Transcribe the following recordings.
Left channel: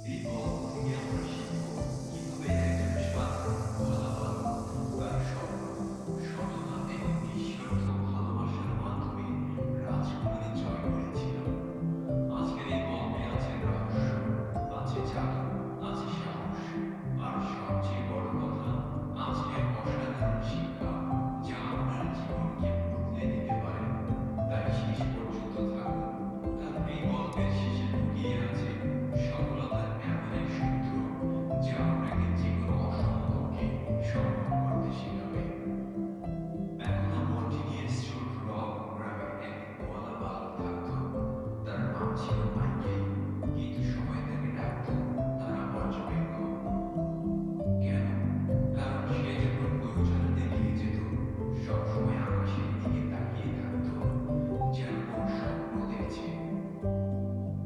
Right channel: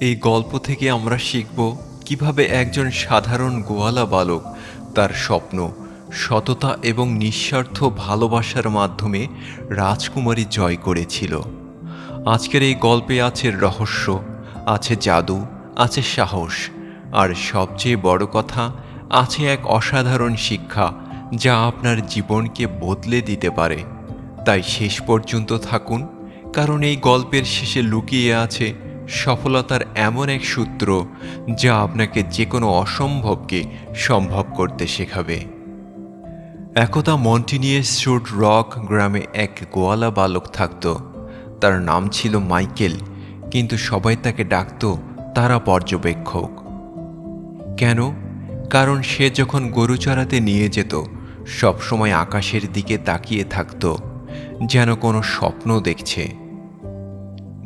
এই গল্প থেকে আমরা শিখব কীভাবে একজন সাধারণ গোয়ালা বালক তার স্বপ্ন, সততা এবং নিঃস্বার্থ ভালোবাসার মাধ্যমে রাজকুমারী জয় করেছিল। আজকের এই গল্পে আছে রহস্য, আছে জাদু, আছে সাহস, আর সবচেয়ে বড় কথা, আছে এক অসাধারণ শিক্ষা যা আপনার জীবনকে বদলে দিতে পারে। তাই শেষ পর্যন্ত থাকুন, কারণ এই গল্পের শেষে লুকিয়ে আছে সফলতার এমন এক সূত্র যা আপনাকে যে কোনো অসম্ভবকে সম্ভব করতে শেখাবে। একদা মন্টিনিয়াস শুট রক গ্রামে এক গোয়ালা বালক থাকত। তার নাম ছিল মাইকেল, কিন্তু সবাই তাকে ডাকত তারা পর্যবেক্ষক। কেন? কারণ সে যখন গরু চড়াতে নিয়ে যেত, সবসময় আকাশের দিকে তাকিয়ে থাকত, যেন কোনো স্বপ্ন দেখছে।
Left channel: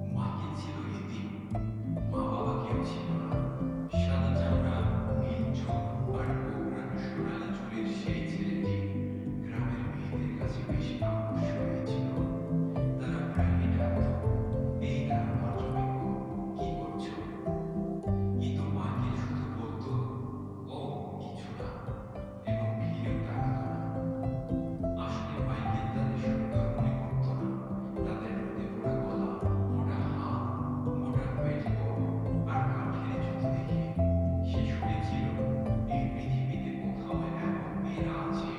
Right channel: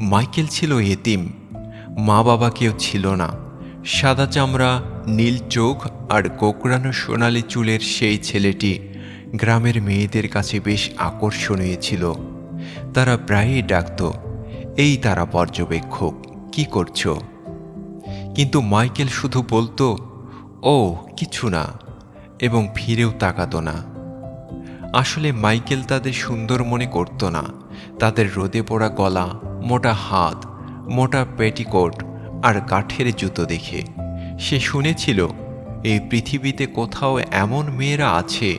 মাইকেল ছিল এতিম। মা বাবা কেউ ছিল না। সাদা চামড়া, নীল চোখ আর কোকড়ানো সোনালি চুলের সেই ছেলেটি গ্রামের মেয়েদের কাছে বেশ আকর্ষণীয় ছিল। তারা প্রায়ই ডাকত, এই তারা পর্যবেক্ষক, কি করছ? কিন্তু মাইকেল শুধু বলতো, ও, কিছু না। এবং ফিরেও তাকাতো না। আসলে মাইকেল তাদের সুন্দর মনে করতো না। তাদের রোদে পড়া গলা মোটা হাত, মোটা পেটিকোট আর কাঠের জুতো দেখে। সে শুনেছিল, এই পৃথিবীতে কোথাও এমন মেয়েরা আছে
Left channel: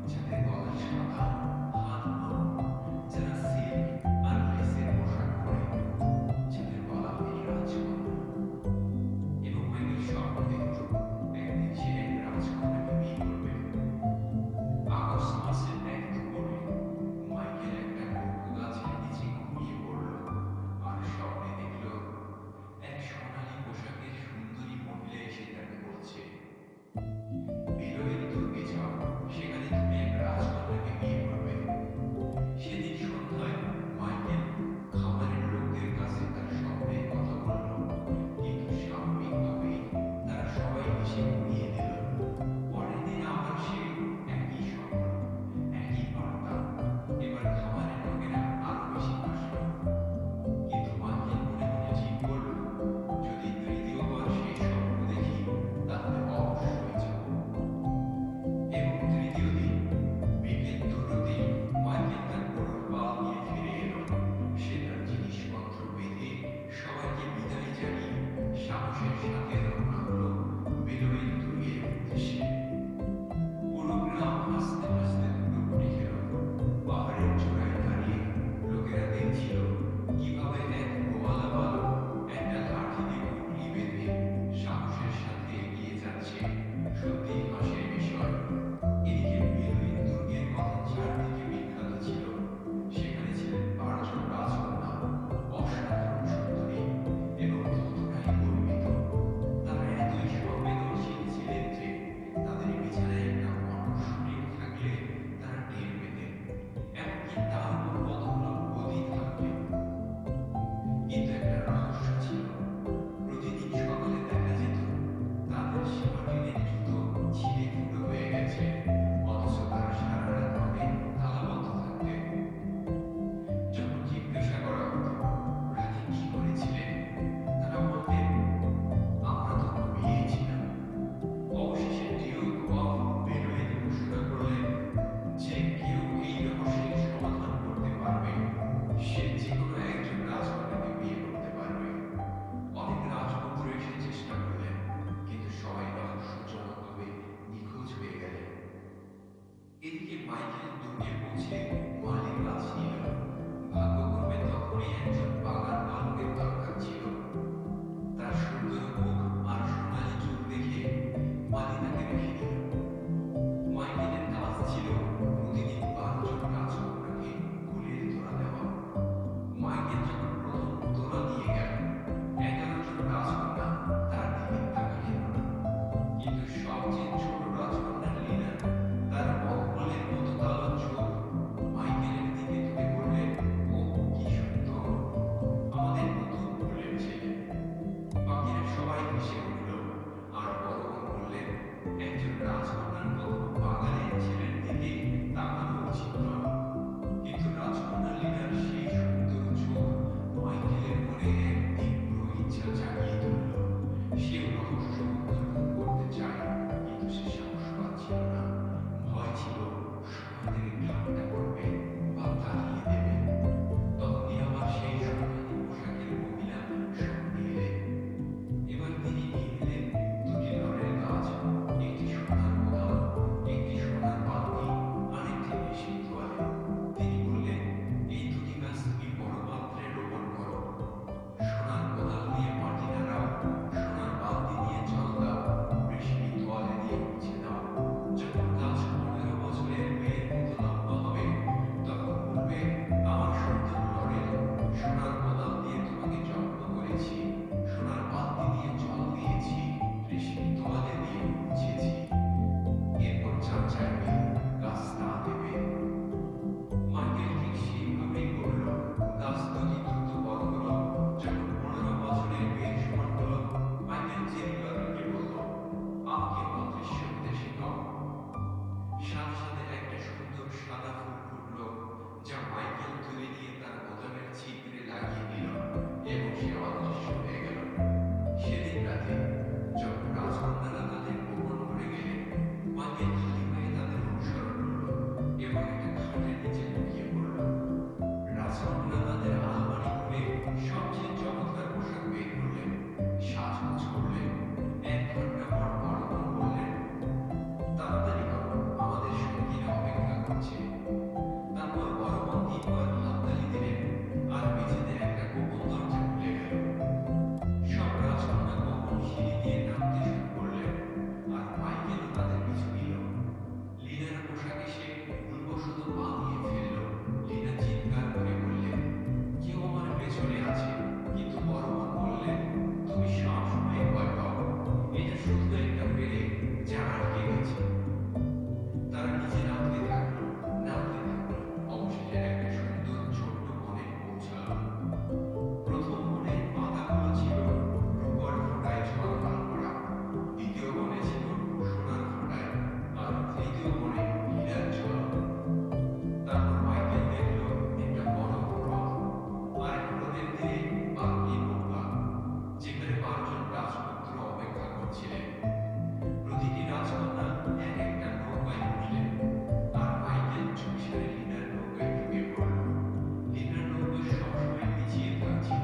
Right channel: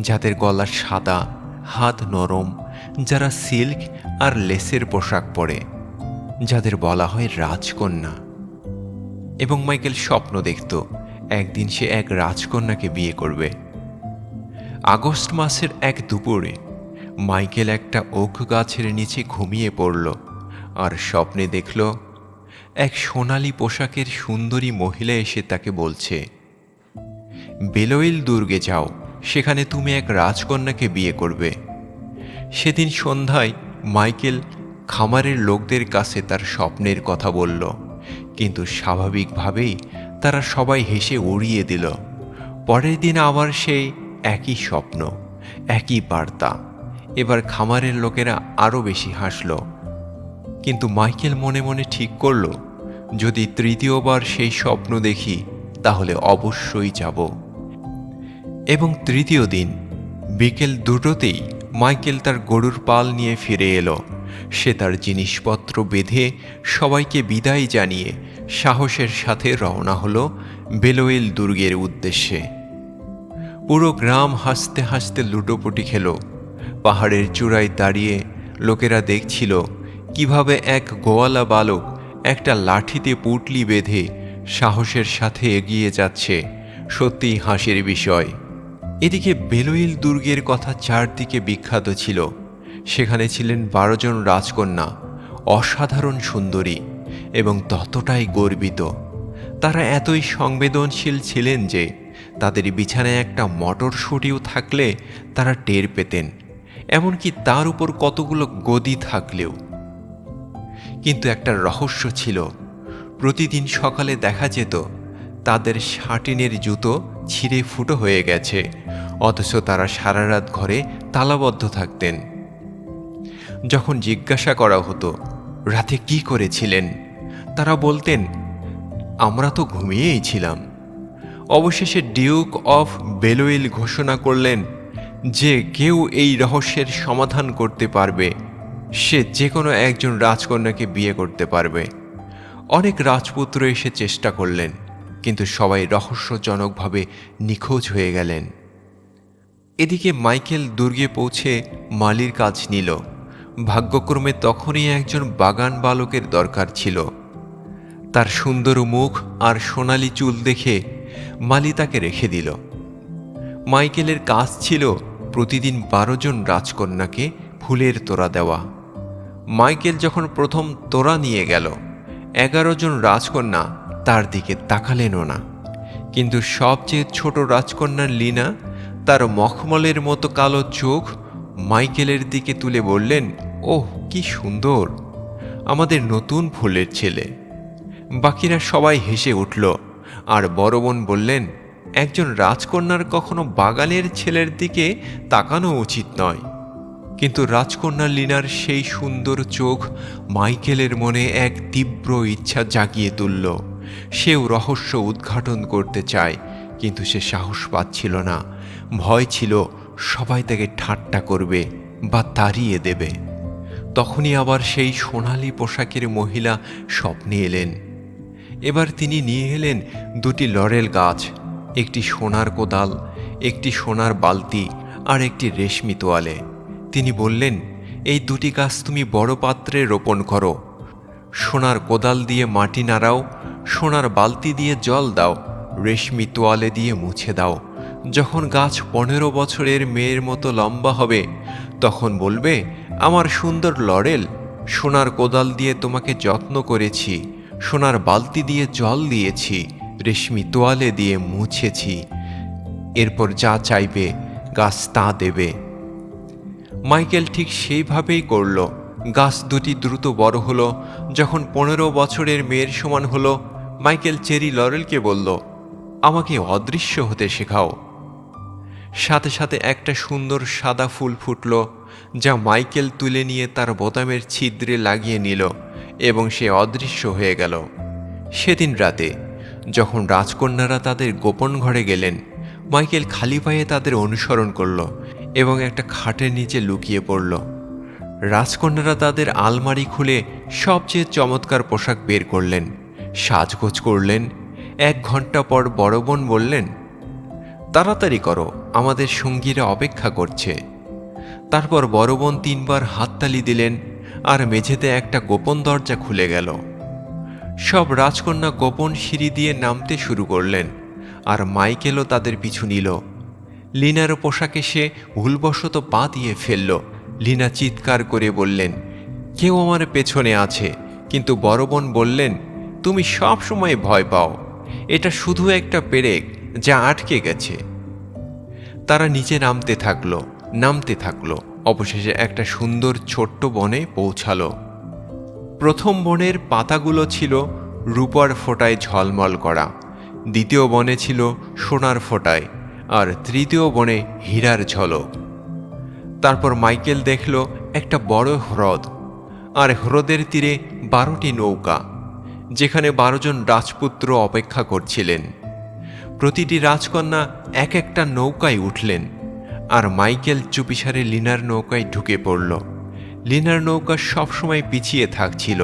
যাদের গলা সাদা, হাত নরম, যারা সিল্ক আর লেসের পোশাক পরে, যাদের বলা হয় রাজকন্যা। এবং মাইকেল স্বপ্ন দেখত, একদিন সে এক রাজকন্যাকে বিয়ে করবে। আগস্ট মাসের এক দুপুরে, মাইকেল একটা ওক গাছের নিচে ঘুমিয়ে পড়ল। আর স্বপ্নে দেখল এক সোনালি পোশাকের সুন্দরী মহিলা এসে তাকে বলছে, বেলোইল দুর্গে যাও, সেখানে তুমি এক রাজকন্যাকে বিয়ে করবে। সেদিন সন্ধ্যায় মাইকেল খামারের লোকদের কাছে তার স্বপ্নের কথা বলল, কিন্তু স্বাভাবিকভাবেই তারা সবাই হেসে উড়িয়ে দিল। পরের দিন আবার সেই একই স্বপ্ন, একই বার্তা। এবার খামারের লোকেরা আরও বেশি হাসল। কিন্তু মাইকেল মনে মনে ঠিক করল, যদি তৃতীয়বার সেই স্বপ্ন দেখি, তাহলে অবশ্যই যাব। এবং তৃতীয় দিন, বিকেল দুটোতেই মাইকেল তার গরুর পাল নিয়ে ফিরে এলো। সে তার জিনিসপত্র বেঁধে সবাইকে বিদায় জানিয়ে সাহসের সাথে রওনা হলো বেলোয়েল দুর্গের উদ্দেশ্যে। পুরো গ্রাম হাসতে হাসতে লুটোপুটি খেল। পাহাড়ের চূড়ায় দাঁড়িয়ে লোকেরা দেখছিল কীভাবে এক গোয়ালা বালক একটা লাঠিতে পুটলি বেঁধে সাহসের সাথে এগিয়ে যাচ্ছে, সত্যিই হাসির বিষয়। এদিকে বেলোইল দুর্গের কথা চারদিকে বিখ্যাত ছিল। সেখানে ছিলেন বারোজন রাজকন্যা, অসাধারণ সুন্দরী এবং ততটাই গর্বিত। তারা এতই সংবেদনশীল ছিলেন যে তাদের বিছানায় একটা মটরশুঁটিও থাকলে তারা টের পেতেন। এমনকি তার উপর কতগুলো গদি থাকলেও। কিন্তু একটা রহস্য ছিল। প্রতিদিন সকালে দেখা যেত, তাদের শাটিনের জুতো ছিঁড়ে ফুটো হয়ে গেছে, অথচ তারা সারা রাত ঘরে তালাবদ্ধ থাকতেন। যখন জিজ্ঞাসা করা হতো, রাতে কি করেছিলেন? তারা বলতেন, আমরা তো ঘুমিয়েই ছিলাম। অবশেষে ডিউক অফ বেলোয়েল ঘোষণা করলেন যে কেউ এই রহস্যের সমাধান করতে পারবে। সে যে কোনো একজন রাজকন্যাকে বিয়ে করতে পারবে। অনেক রাজপুত্র এসে চেষ্টা করলেন, কিন্তু সবাই রহস্যজনকভাবে নিখোঁজ হয়ে গেলেন। এদিকে মাইকেল দুর্গে পৌঁছে মালির কাজ নিল। ভাগ্যক্রমে তখনই একজন বাগান বালকের দরকার ছিল। তার সুন্দর মুখ আর সোনালি চুল দেখে মালি তাকে রেখে দিল। মাইকেলের কাজ ছিল প্রতিদিন বারো জন রাজকন্যাকে ফুলের তোড়া দেওয়া। মাইকেল যখন প্রথম তোরা নিয়ে গেল, এগারো জন রাজকন্যা তার দিকে তাকালেনও না। কিন্তু সবচেয়ে ছোট রাজকন্যার লিনা তার মখমলের মতো কালো চোখ মাইকেলের দিকে তুলে বললেন, ওহ, কি সুন্দর, আমাদের নতুন ফুলের ছেলে। বাকিরা সবাই হেসে উঠল আর বড় বোন বললেন, একজন রাজকন্যার কখনো বাগানের ছেলের দিকে তাকানো উচিত নয়। কিন্তু রাজকন্যা লিনার সেই সুন্দর চোখ মাইকেলের মনে এক তীব্র ইচ্ছা জাগিয়ে তুলল। সেও রহস্য উদ্ঘাটন করতে চায়, কিন্তু সে সাহস পাচ্ছিল না। ভয় ছিল, সবাই তাকে ঠাট্টা করবে বা তাড়িয়ে দেবে। তখনই আবার সেই সোনালি পোশাকের মহিলা স্বপ্নে এলেন। এবার তিনি নিয়ে এলেন দুটি লরেল গাছ, একটি সোনার কোদাল, একটি সোনার বালতি আর একটি রেশমি তোয়ালে। তিনি বললেন, এই দুটি গাছ তুমি বড় পাত্রে রোপণ করো। সোনার কোদাল দিয়ে মাটি নাড়াও, সোনার বালতি দিয়ে জল দাও, রেশমি তোয়ালে দিয়ে মুছে দাও। যখন গাছ পনেরো বছরের মেয়ের মতো লম্বা হবে, তখন বলবে, আমার সুন্দর লরেল সোনার কোদাল দিয়ে তোমাকে যত্ন করেছি, সোনার বালতি দিয়ে জল দিয়েছি, রেশমি তোয়ালে দিয়ে মুছেছি। এরপর যা চাইবে, গাছ তা দেবে মাইকেল ঠিক সেইভাবেই করল। গাছ দুটি দ্রুত বড় হলো। যখন পনেরো বছরের মেয়ের সমান হলো, মাইকেল চেরি লরেলকে বলল, আমাকে অদৃশ্য হতে শেখাও। সাথে সাথে একটা সুন্দর সাদা ফুল ফুটল, যা মাইকেল তুলে নিয়ে তার বোতামের ছিদ্রে লাগিয়ে নিল এবং সে অদৃশ্য হয়ে গেল। সেদিন রাতে, যখন রাজকন্যারা তাদের গোপন ঘরে গেলেন, মাইকেল খালি পায়ে তাদের অনুসরণ করল। এবং একটা খাটের নিচে লুকিয়ে পড়ল। রাজকন্যারা তাদের আলমারি খুলে সবচেয়ে চমৎকার পোশাক বের করলেন। সাজগোজ করলেন। এক ঘণ্টা পর বড় বোন বললেন, তাড়াতাড়ি করো, আমাদের সঙ্গীরা অপেক্ষা করছে। তারপর বড় বোন তিনবার হাততালি দিলেন আর মেঝেতে একটা গোপন দরজা খুলে গেল। সব রাজকন্যা গোপন সিঁড়ি দিয়ে নামতে শুরু করলেন আর মাইকেলও তাদের পিছু নিল। লিনার পোশাকে সে ভুলবশত পা দিয়ে ফেলল। লিনা চিৎকার করে বললেন, কেউ আমার পেছনে আছে। কিন্তু বড় বোন বললেন, তুমি সব সময় ভয় পাও। এটা শুধু একটা পেরেক যা আটকে গেছে। তারা নিচে নামতে থাকল নামতে থাকল। অবশেষে একটা সুন্দর ছোট্ট বনে পৌঁছালো। প্রথম বনের পাতাগুলো ছিল রূপার ফোঁটায় ঝলমল করা। দ্বিতীয় বনে ছিল সোনার ফোঁটায়। আর তৃতীয় বনে হীরার ঝলক। তারপর মাইকেল দেখল একটা বড় হ্রদ, আর হ্রদের তীরে বারোটি নৌকা, যেখানে বারো জন রাজপুত্র অপেক্ষা করছিলেন। প্রতিটি রাজকন্যা এক একটা নৌকায় উঠলেন, আর মাইকেল চুপিসারে লিনার নৌকায় ঢুকে পড়ল। লিনার নৌকা সবসময় পিছিয়ে থাকছিল।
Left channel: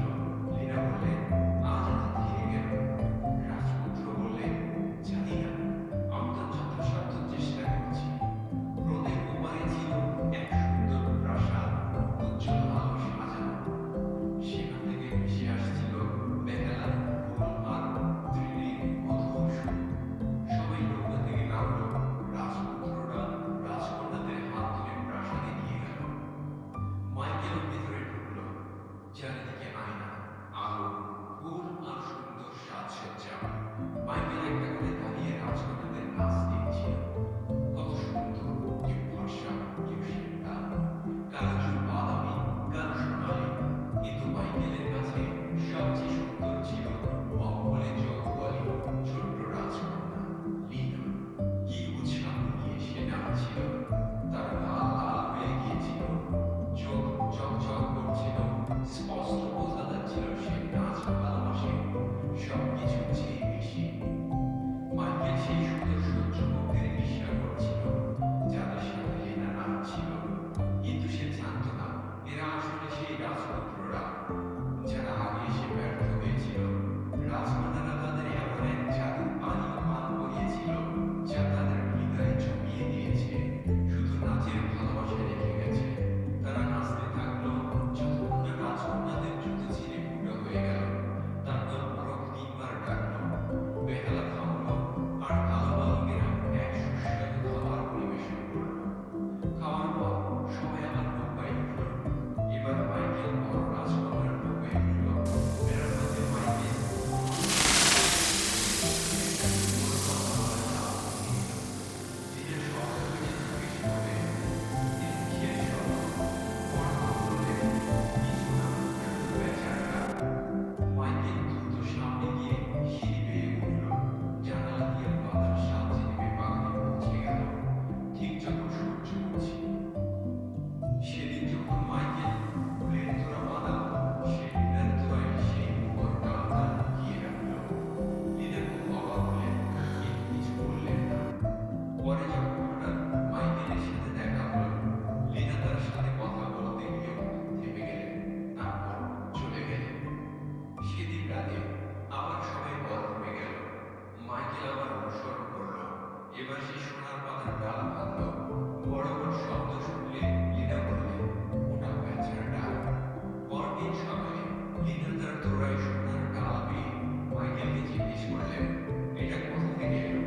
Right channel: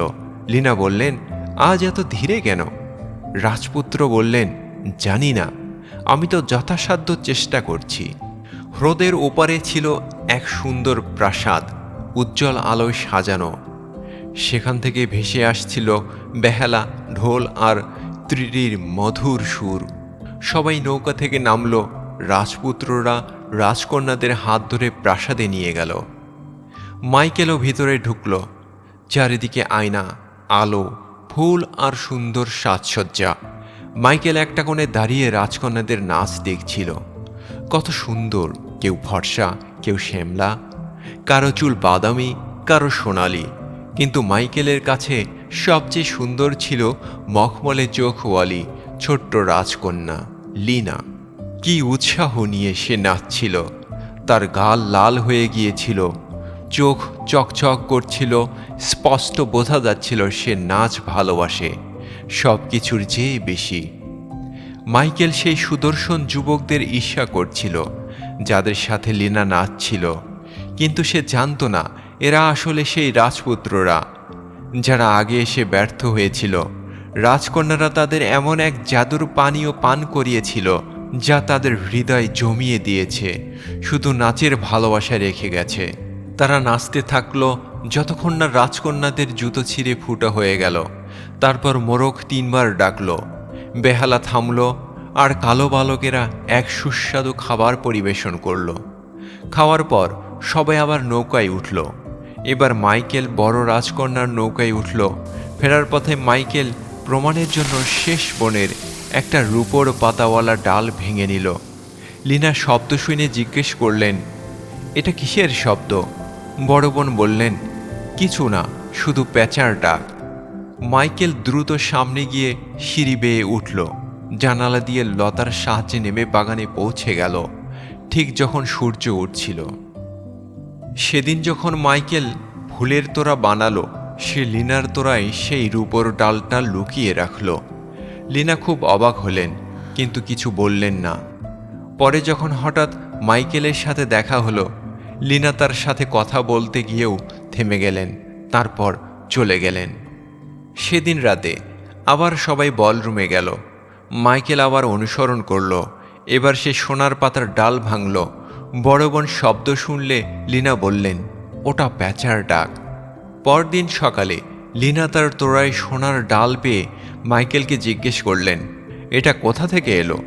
লিনা বললেন, আজ এত ধীরে কেন? রাজপুত্র বললেন, জানি না। আমি তো যথাসাধ্য চেষ্টা করছি। হ্রদের ওপারে ছিল এক সুন্দর প্রাসাদ, উজ্জ্বল আলোয় সাজানো। সেখান থেকে ভেসে আসছিল বেহালা, ঢোল আর ত্রিটির মধুর সুর। সবাই নৌকা থেকে নামল, রাজপুত্ররা রাজকন্যাদের হাত ধরে প্রাসাদে নিয়ে গেল। মাইকেলও ভিতরে ঢুকল, চারিদিকে আয়না, আলো, ফুল আর সুন্দর সাজসজ্জা। মাইকেল একটা কোণে দাঁড়িয়ে রাজকন্যাদের নাচ দেখছিল। কত সুন্দর, কেউ ফর্সা, কেউ শ্যামলা, কারও চুল বাদামি, কারও সোনালি। কিন্তু মাইকেলের কাছে সবচেয়ে সুন্দর ছিল মখমলে চোখওয়ালি ছোট্ট রাজকন্যা, লিনা। কি উৎসাহ নিয়ে সে নাচছিল। তার গাল লাল হয়ে গিয়েছিল। চোখ চকচক করছিল। স্পষ্ট বোঝা যাচ্ছিল সে নাচ ভালোবাসে। সব কিছুর চেয়ে বেশি। মাইকেল সেই সুদর্শন যুবকদের ঈর্ষা করছিল, যাদের সাথে লিনা নাচছিল, কিন্তু সে জানতো না, এরা আসলে সেই রাজপুত্ররা, যারা আগে এসে ব্যর্থ হয়েছিল। রাজকন্যারা তাদের এমন এক জাদুর পানীয় পান করিয়েছিল, যা তাদের হৃদয় জমিয়ে দিয়েছে, শুধু নাচের ভালোবাসা রেখে গেছে। তারা নাচতে থাকল, যতক্ষণ না রাজকন্যাদের জুতো ছিঁড়ে ফুটো হয়ে গেল। তারপর মোরগ তিনবার ডাকল, বেহালা থামল, আর কালো বালকেরা এক সুস্বাদু খাবার পরিবেশন করল। খাওয়ার পর সবাই আবার নৌকায় উঠল। এবার মাইকেল বড় রাজকন্যার নৌকায় উঠল। ফেরার পথে মাইকেল প্রমাণের জন্য শেষ বনের একটা রূপোর পাতাওয়ালা ডাল ভেঙে নিল। লিনা শব্দ শুনে জিজ্ঞেস করলেন, এটা কিসের শব্দ? বড় বোন বললেন, কিছু না, শুধু প্যাঁচার ডাক। মাইকেল দ্রুত সামনে গিয়ে সিঁড়ি বেয়ে উঠল। জানালা দিয়ে লতার সাহায্যে নেমে বাগানে পৌঁছে গেল। ঠিক যখন সূর্য উঠছিল। সেদিন যখন মাইকেল ফুলের তোড়া বানালো, সে লিনার তোড়ায় সেই রূপর ডালটা লুকিয়ে রাখল। লিনা খুব অবাক হলেন, কিন্তু কিছু বললেন না। পরে যখন হঠাৎ মাইকেলের সাথে দেখা হলো, লিনা তার সাথে কথা বলতে গিয়েও থেমে গেলেন, তারপর চলে গেলেন। সেদিন রাতে আবার সবাই বলরুমে গেল। মাইকেল আবার অনুসরণ করল। এবার সে সোনার পাতার ডাল ভাঙল। বড় বোন শব্দ শুনলে লিনা বললেন, ওটা প্যাঁচার ডাক। পরদিন সকালে লিনা তার তোড়ায় সোনার ডাল পেয়ে মাইকেলকে জিজ্ঞেস করলেন, এটা কোথা থেকে এলো?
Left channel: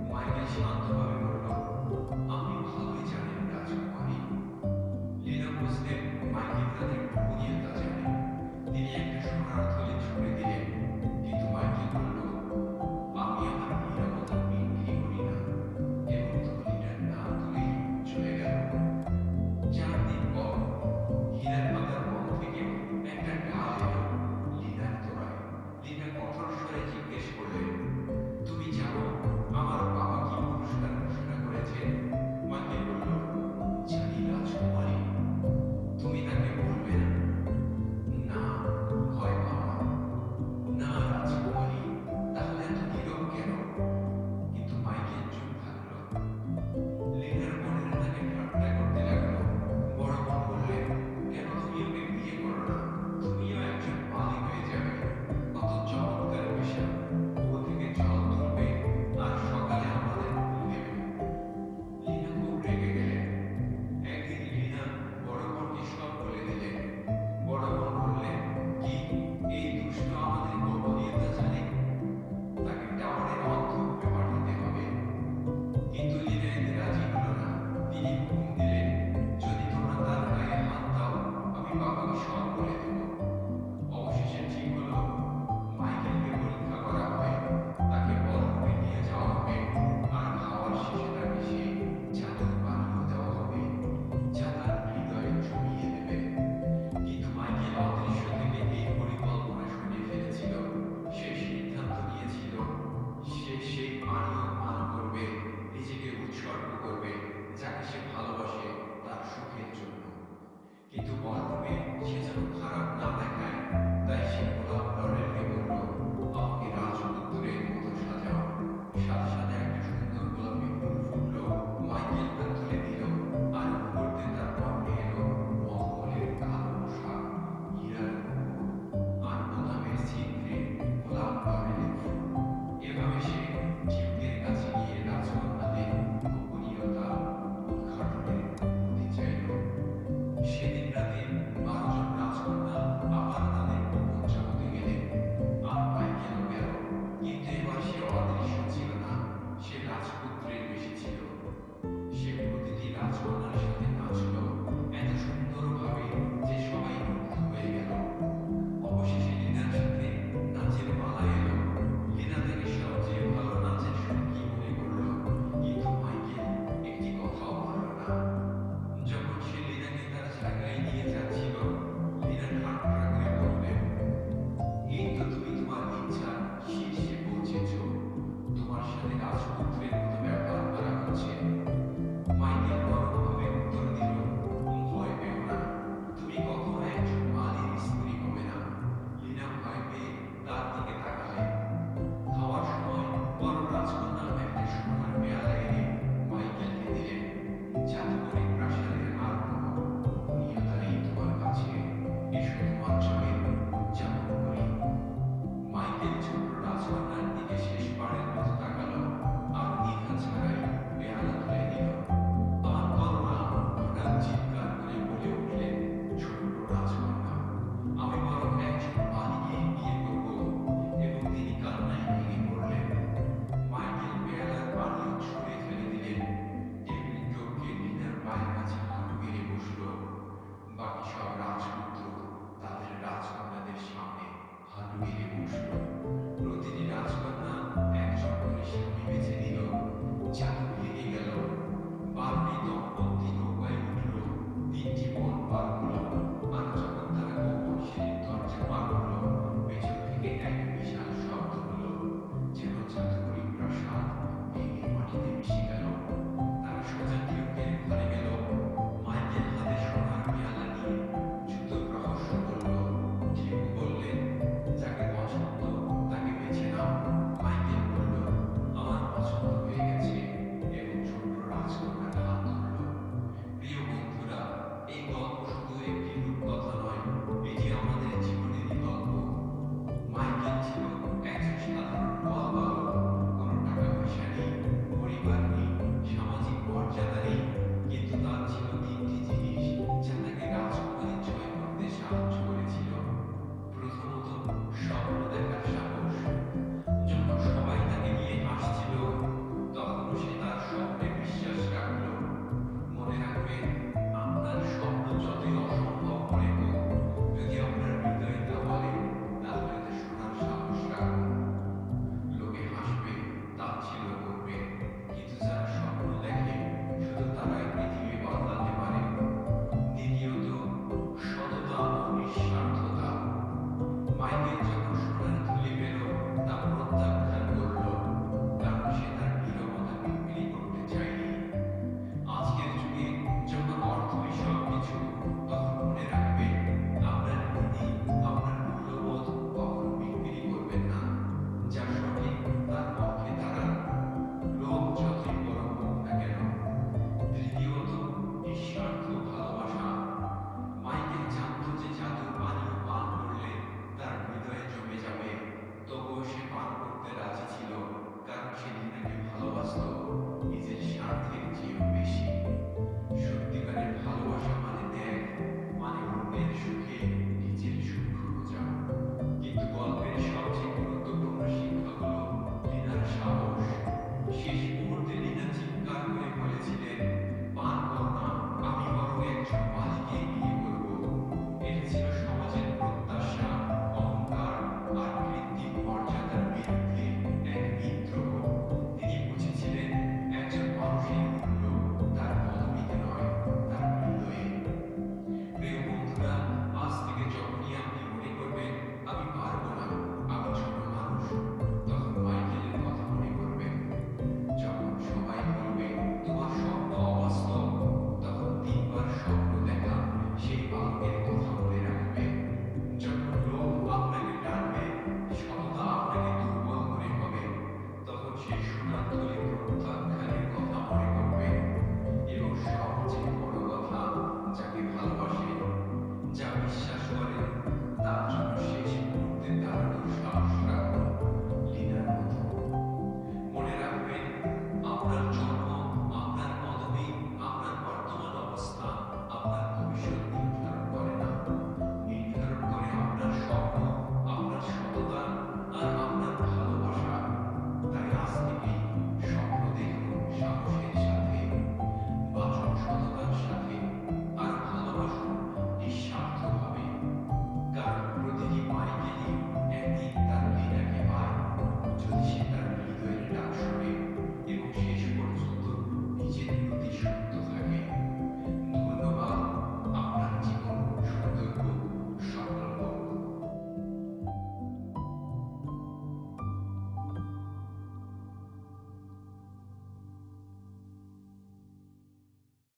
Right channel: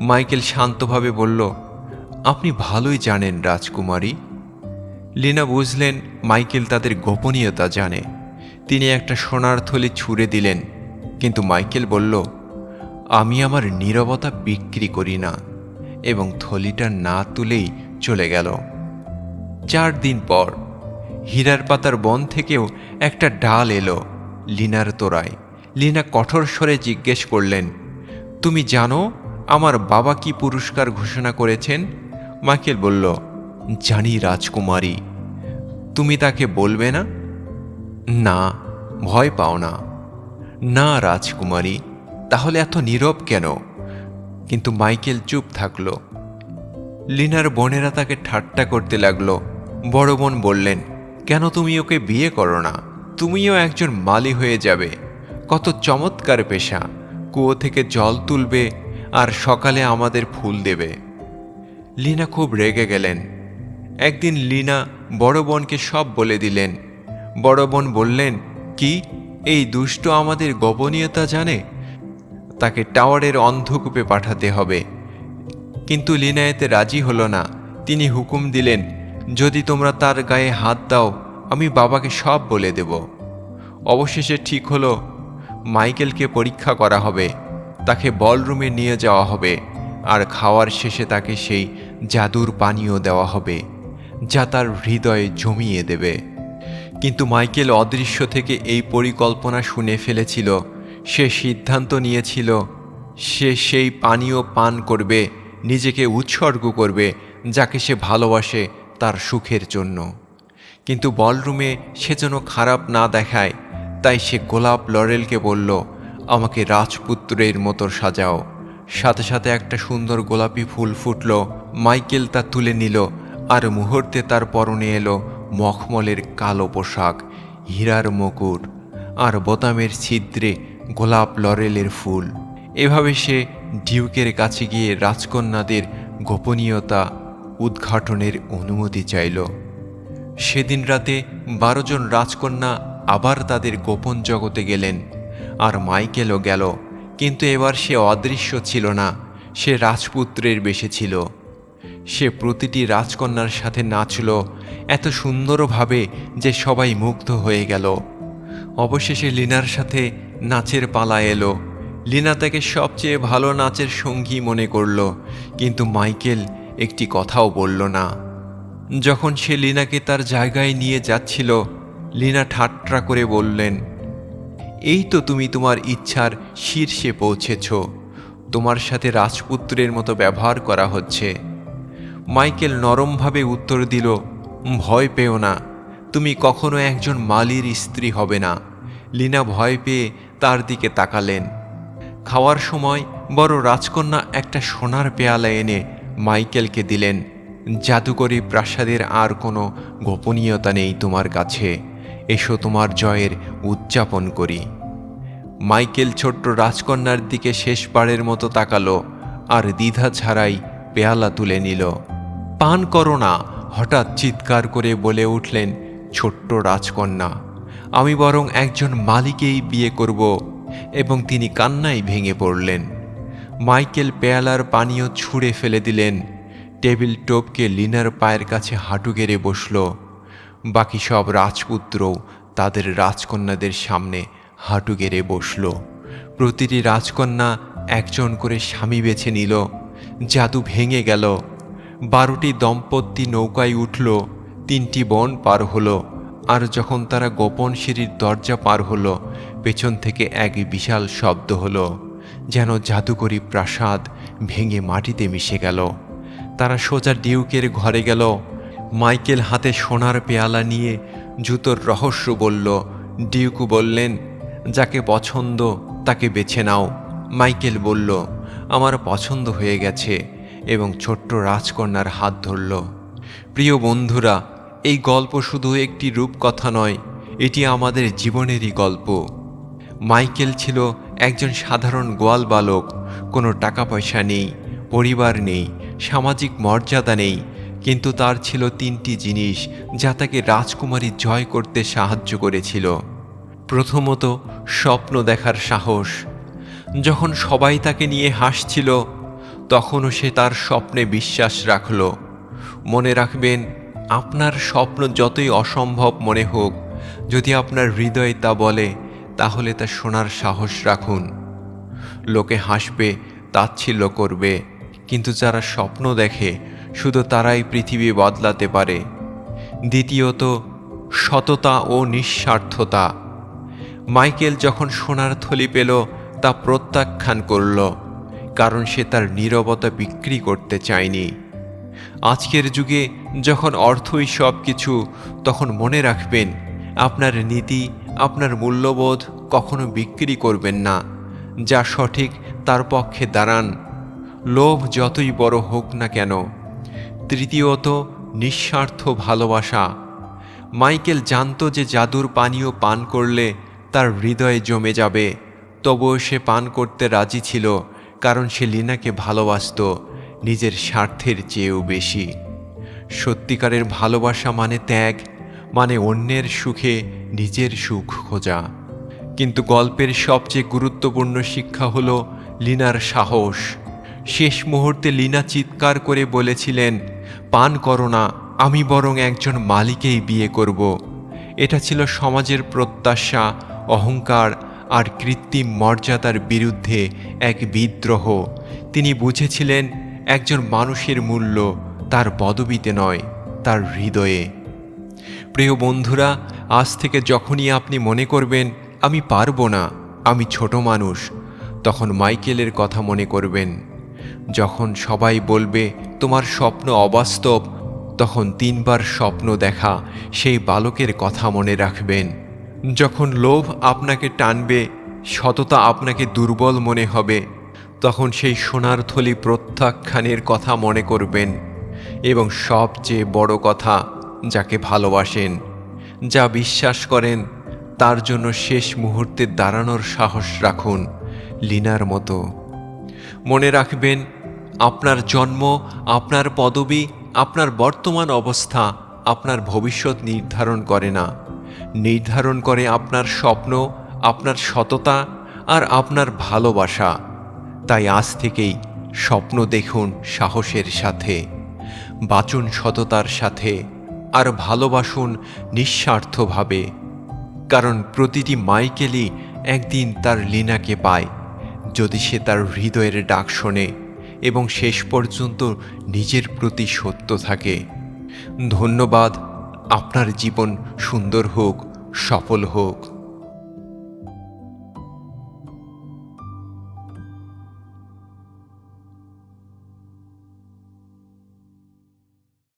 মাইকেল শান্তভাবে বলল, আপনি ভালোই জানেন রাজকুমারী। লিনা বুঝলেন মাইকেল তাদের গোপনীয়তা জানে। তিনি একটা সোনার থলি ছুঁড়ে দিলেন, কিন্তু মাইকেল বলল, আমি আমার নীরবতা বিক্রি করি না। এবং থলিটা না তুলেই চলে গেল। চার দিন পর হীরার পাতার বন থেকেও একটা ডাল এলো লিনার তোরায়। লিনা কঠোর স্বরে জিজ্ঞেস করলেন, তুমি জানো আমার বাবা কি পুরস্কার ঘোষণা করেছেন? মাইকেল বলল, জানি রাজকুমারী। তুমি তাকে বলবে না? না, ভয় পাও না। না, রাজকুমারী, তাহলে এত নীরব কেন? কিন্তু মাইকেল চুপ থাকল। লিনার বোনেরা তাকে ঠাট্টা করতে লাগল। বড় বোন বললেন, কেন তুমি ওকে বিয়ে করো না? তুমিও একজন মালি হয়ে যাবে। কত চমৎকার পেশা। কুয়ো থেকে জল তুলবে আর সকালে আমাদের ফুল দেবে। লিনা খুব রেগে গেলেন। একদিন লিনা বড় বোনকে সব বলে দিলেন বড় বোন বললেন, কি? এই দুষ্ট আমাদের গোপনীয়তা জানে? তাকে টাওয়ারের অন্ধকূপে পাঠাতে হবে। কিন্তু লিনা এতে রাজি হলো না। তিনি হুকুম দিলেন, যদি তোমরা তার গায়ে হাত দাও, আমি বাবাকে সব বলে দেব। অবশেষে ঠিক হলো, মাইকেলকে পরীক্ষা করা হবে। তাকে বলরুমে নিয়ে যাওয়া হবে, আর খাওয়ার শেষে তাকে সেই জাদুর পানীয় দেওয়া হবে, যা তার হৃদয়ে জমিয়ে দেবে। কিন্তু মাইকেল অদৃশ্য থেকে এই পরিকল্পনা শুনে ফেলেছিল। সে সিদ্ধান্ত নিয়েছিল, সে সেই পানীয় পান করবে, নিজেকে উৎসর্গ করবে, যাকে সে ভালোবাসে তার সুখের জন্য। কিন্তু বলরুমে সে যেন খারাপ না দেখায়, তাই সে গোলাপ লরেলকে বলল, আমাকে রাজপুত্রের মতো সাজাও। সাথে সাথে একটা সুন্দর গোলাপি ফুল ফুটল, মাইকেল তা তুলে নিল, আর মুহূর্তে তার পরনে এলো মখমলের কালো পোশাক, হীরার মুকুট আর বোতামের ছিদ্রে গোলাপ লরেলের ফুল। এভাবে সে ডিউকের কাছে গিয়ে রাজকন্যাদের গোপনীয়তা উদ্ঘাটনের অনুমতি চাইল। সেদিন রাতে বারো জন রাজকন্যা আবার তাদের গোপন জগতে গেলেন আর মাইকেলও গেল, কিন্তু এবার সে অদৃশ্য ছিল না, সে রাজপুত্রের বেশে ছিল। সে প্রতিটি রাজকন্যার সাথে নাচল এত সুন্দরভাবে যে সবাই মুগ্ধ হয়ে গেল। অবশেষে লিনার সাথে নাচের পালা এলো। লিনা তাকে সবচেয়ে ভালো নাচের সঙ্গী মনে করল, কিন্তু মাইকেল একটি কথাও বলল না। যখন সে লিনাকে তার জায়গায় নিয়ে যাচ্ছিল, লিনা ঠাট্টা করে বললেন, এই তো তুমি তোমার ইচ্ছার শীর্ষে পৌঁছেছ। তোমার সাথে রাজপুত্রের মতো ব্যবহার করা হচ্ছে। মাইকেল নরমভাবে উত্তর দিল, ভয় পেও না, তুমি কখনো একজন মালির স্ত্রী হবে না। লিনা ভয় পেয়ে তার দিকে তাকালেন। খাওয়ার সময় বড় রাজকন্যা একটা সোনার পেয়ালা এনে মাইকেলকে দিলেন। জাদুকরি প্রাসাদের আর কোনো গোপনীয়তা নেই তোমার কাছে। এসো তোমার জয়ের উদযাপন করি। মাইকেল ছোট্ট রাজকন্যার দিকে শেষবারের মতো তাকালো আর দ্বিধা ছাড়াই পেয়ালা তুলে নিল। পান করো না। হঠাৎ চিৎকার করে বলে উঠলেন, ছোট্ট রাজকন্যা, আমি বরং একজন মালিকেই বিয়ে করব। এবং তিনি কান্নায় ভেঙে পড়লেন। মাইকেল পেয়ালার পানীয় ছুঁড়ে ফেলে দিলেন। টেবিল টোপকে লিনার পায়ের কাছে হাঁটু গেড়ে বসল। বাকি সব রাজপুত্র তাদের রাজকন্যাদের সামনে হাঁটু গেড়ে বসল। প্রতিটি রাজকন্যা একজন করে স্বামী বেছে নিল। জাদু ভেঙে গেল। বারোটি দম্পতি নৌকায় উঠল, তিনটি বন পার হলো, আর যখন তারা গোপন সিঁড়ির দরজা পার হলো, পেছন থেকে এক বিশাল শব্দ হলো, যেন জাদুকরি প্রাসাদ ভেঙে মাটিতে মিশে গেল। তারা সোজা ডিউকের ঘরে গেল, মাইকেল হাতে সোনার পেয়ালা নিয়ে জুতোর রহস্য বলল। ডিউকু বললেন, যাকে পছন্দ তাকে বেছে নাও। মাইকেল বলল, আমার পছন্দ হয়ে গেছে। এবং ছোট্ট রাজকন্যার হাত ধরল। প্রিয় বন্ধুরা, এই গল্প শুধু একটি রূপকথা নয়, এটি আমাদের জীবনেরই গল্প। মাইকেল ছিল একজন সাধারণ গোয়াল বালক। কোনো টাকা পয়সা নেই, পরিবার নেই, সামাজিক মর্যাদা নেই, কিন্তু তার ছিল তিনটি জিনিস যা তাকে রাজকুমারী জয় করতে সাহায্য করেছিল। প্রথমত, স্বপ্ন দেখার সাহস। যখন সবাই তাকে নিয়ে হাসছিল তখনও সে তার স্বপ্নে বিশ্বাস রাখল। মনে রাখবেন, আপনার স্বপ্ন যতই অসম্ভব মনে হোক, যদি আপনার হৃদয় তা বলে, তাহলে তা শোনার সাহস রাখুন। লোকে হাসবে, তাচ্ছিল্য করবে, কিন্তু যারা স্বপ্ন দেখে, শুধু তারাই পৃথিবী বদলাতে পারে। দ্বিতীয়ত, সততা ও নিঃস্বার্থতা। মাইকেল যখন সোনার থলি পেল, তা প্রত্যাখ্যান করল। কারণ সে তার নীরবতা বিক্রি করতে চায়নি। আজকের যুগে যখন অর্থই সব কিছু তখন মনে রাখবেন, আপনার নীতি, আপনার মূল্যবোধ কখনো বিক্রি করবেন না। যা সঠিক, তার পক্ষে দাঁড়ান। লোভ যতই বড় হোক না কেন। তৃতীয়ত, নিঃস্বার্থ ভালোবাসা। মাইকেল জানতো যে জাদুর পানীয় পান করলে তার হৃদয়ে জমে যাবে, তবুও সে পান করতে রাজি ছিল। কারণ সে লিনাকে ভালোবাসত নিজের স্বার্থের চেয়েও বেশি। সত্যিকারের ভালোবাসা মানে ত্যাগ মানে অন্যের সুখে নিজের সুখ খোঁজা। কিন্তু গল্পের সবচেয়ে গুরুত্বপূর্ণ শিক্ষা হল লিনার সাহস। শেষ মুহূর্তে লিনা চিৎকার করে বলেছিলেন, পান করো না, আমি বরং একজন মালিকেই বিয়ে করব। এটা ছিল সমাজের প্রত্যাশা, অহংকার আর কৃত্রিম মর্যাদার বিরুদ্ধে এক বিদ্রোহ। তিনি বুঝেছিলেন, একজন মানুষের মূল্য তার পদবিতে নয়, তার হৃদয়ে। প্রিয় বন্ধুরা, আজ থেকে যখনই আপনি মনে করবেন, আমি পারব না, আমি ছোট মানুষ, তখন মাইকেলের কথা মনে করবেন। যখন সবাই বলবে, তোমার স্বপ্ন অবাস্তব, তখন তিনবার স্বপ্ন দেখা, সেই বালকের কথা মনে রাখবেন। যখন লোভ আপনাকে টানবে, সততা আপনাকে দুর্বল মনে হবে, তখন সেই সোনার থলি প্রত্যাখ্যানের কথা মনে করবেন এবং সবচেয়ে বড় কথা যাকে ভালোবাসেন, যা বিশ্বাস করেন, তার জন্য শেষ মুহূর্তে দাঁড়ানোর সাহস রাখুন লিনার মতো। মনে রাখবেন, আপনার জন্ম, আপনার পদবি, আপনার বর্তমান অবস্থা আপনার ভবিষ্যৎ নির্ধারণ করে না। নির্ধারণ করে আপনার স্বপ্ন, আপনার সততা আর আপনার ভালোবাসা। তাই আজ থেকেই স্বপ্ন দেখুন সাহসের সাথে, বাচন সততার সাথে আর ভালোবাসুন নিঃস্বার্থভাবে। কারণ প্রতিটি মাইকেলই একদিন তার লিনাকে পায়, যদি সে তার হৃদয়ের ডাক শোনে এবং শেষ পর্যন্ত নিজের প্রতি সত্য থাকে। ধন্যবাদ আপনার জীবন সুন্দর হোক সফল হোক।